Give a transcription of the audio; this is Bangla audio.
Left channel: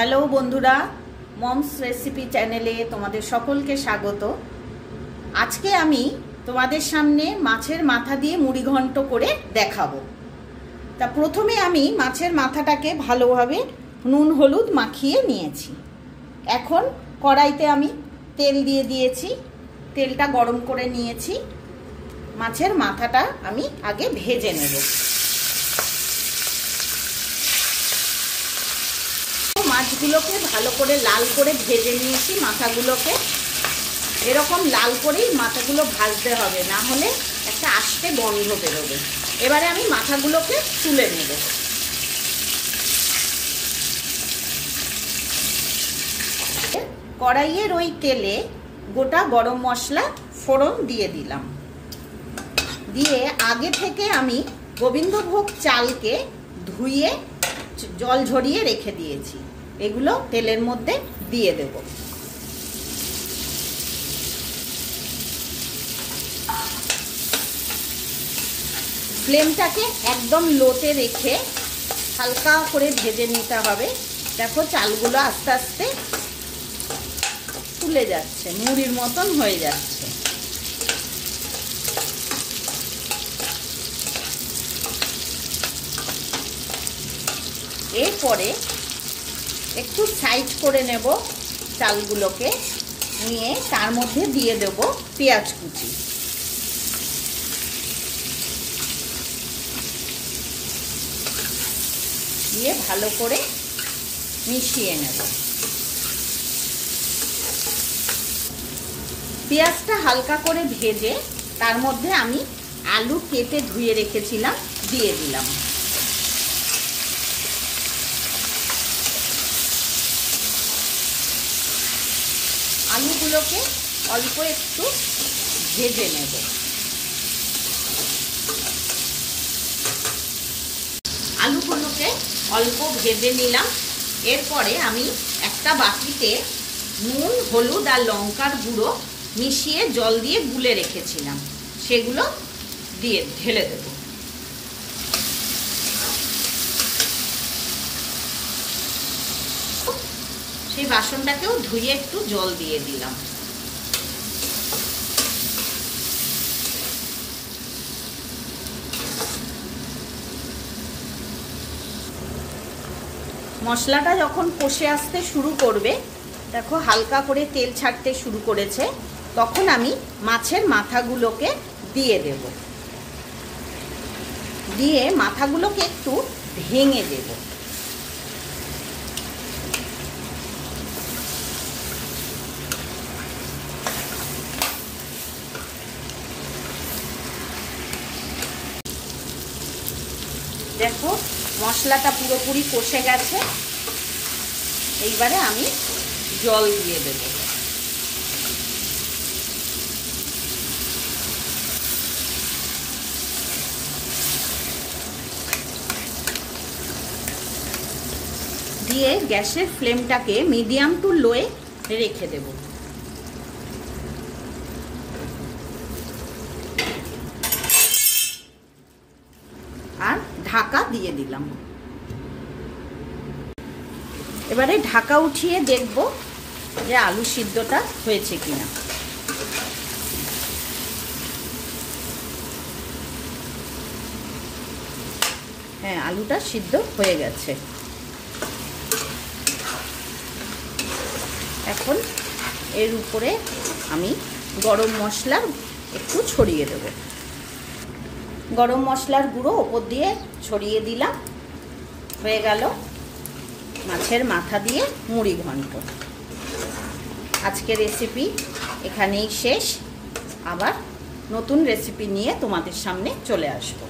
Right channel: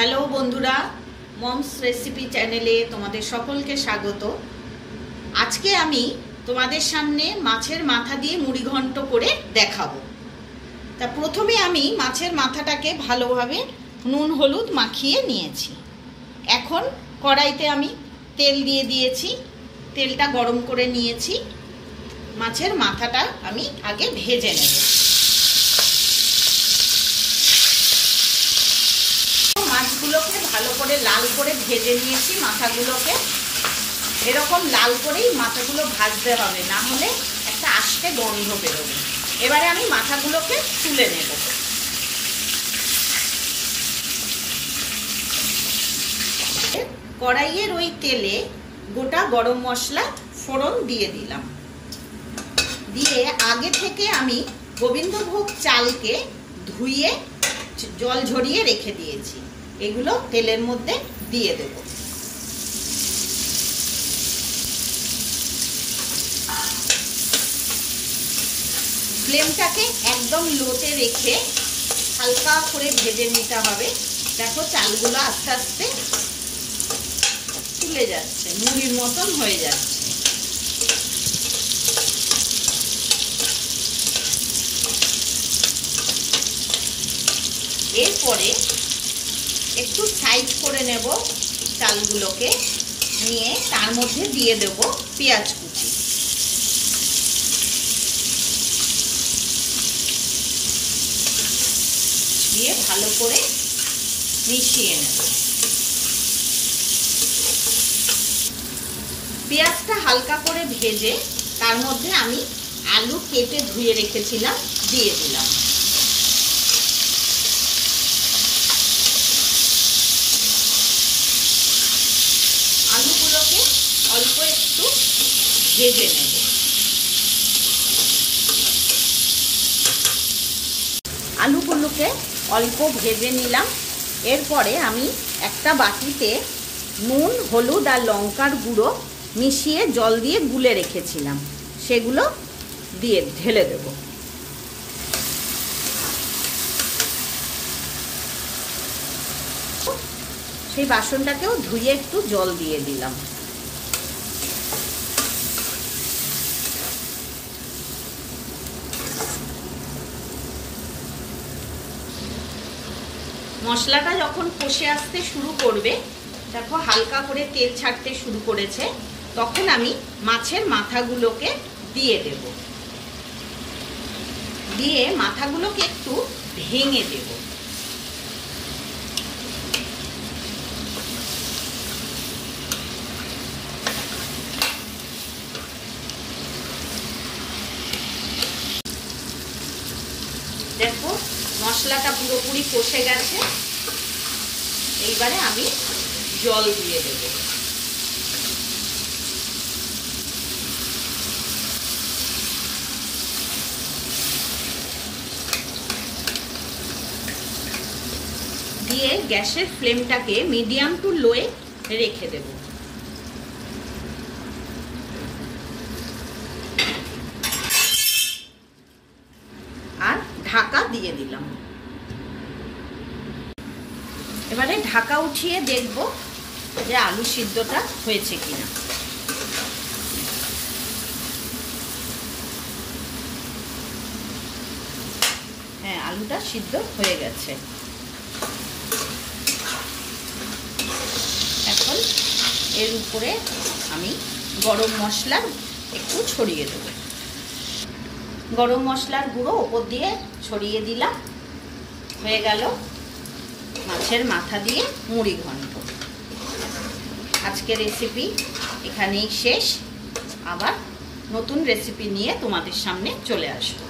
হ্যালো বন্ধুরা, মমস রেসিপি চ্যানেলে তোমাদের সকলকে স্বাগত। আজকে আমি তোমাদের সামনে মাছের মাথা দিয়ে মুড়ি ঘন্ট করে দেখাবো। তা প্রথমে আমি মাছের মাথাটাকে ভালোভাবে নুন হলুদ মাখিয়ে নিয়েছি। এখন কড়াইতে আমি তেল দিয়ে দিয়েছি, তেলটা গরম করে নিয়েছি। মাছের মাথাটা আমি আগে ভেজে নেব। মাছগুলোকে ভালো করে লাল করে ভেজে নিয়েছি। মাথাগুলোকে এরকম লাল করেই মাথাগুলো ভাজতে হবে, না হলে একটা আস্তে গন্ধ বেরোবে। এবারে আমি মাথাগুলোকে তুলে নেব। কড়াইয়ের ওই তেলে গোটা গরম মশলা ফোড়ন দিয়ে দিলাম। দিয়ে আগে থেকে আমি গোবিন্দভোগ চালকে ধুয়ে জল ঝরিয়ে রেখে দিয়েছি, এগুলো তেলের মধ্যে দিয়ে দেব। ফ্লেমটাকে একদম লোতে রেখে হালকা করে ভেজে নিতে হবে। দেখো চালগুলো আস্তে আস্তে ফুলে যাচ্ছে, মুড়ির মতন হয়ে যাচ্ছে। এরপরে একটু সাইড করে নেব চালগুলোকে, নিয়ে তার মধ্যে দিয়ে দেব পেঁয়াজ কুচি। দিয়ে ভালো করে মিশিয়ে নেব। পেঁয়াজটা হালকা করে ভেজে তার মধ্যে আমি আলু কেটে ধুয়ে রেখেছিলাম দিয়ে দিলাম। আলুগুলোকে অল্প একটু ভেজে নেব। আলুগুলোকে অল্প ভেজে নিলাম। এরপরে আমি একটা বাটিতে নুন হলুদ আর লঙ্কার গুঁড়ো মিশিয়ে জল দিয়ে গুলে রেখেছিলাম, সেগুলো দিয়ে ঢেলে দেব। সেই বাসনটাকেও ধুয়ে একটু জল দিয়ে দিলাম। মশলাটা যখন কষে আসতে শুরু করবে, দেখো হালকা করে তেল ছাড়তে শুরু করেছে, তখন আমি মাছের মাথাগুলোকে দিয়ে দেব। দিয়ে মাথাগুলোকে একটু ভেঙে দেব। দেখো মশলাটা পুরোপুরি কষে গেছে। এইবারে আমি জল দিয়ে দেব। দিয়ে গ্যাসের ফ্লেমটাকে মিডিয়াম টু লোয়ে রেখে দেব। আর ঢাকা দিয়ে দিলাম। এবারে ঢাকা উঠিয়ে দেখব যে আলু সিদ্ধটা হয়েছে কিনা। হ্যাঁ, আলুটা সিদ্ধ হয়ে গেছে। এখন এর উপরে আমি গরম মশলা একটু ছড়িয়ে দেব। গরম মশলার গুঁড়ো ওপর দিয়ে ছড়িয়ে দিলাম। হয়ে গেল মাছের মাথা দিয়ে মুড়ি ঘন্ট। আজকের রেসিপি এখানেই শেষ। আবার নতুন রেসিপি নিয়ে তোমাদের সামনে চলে আসবো।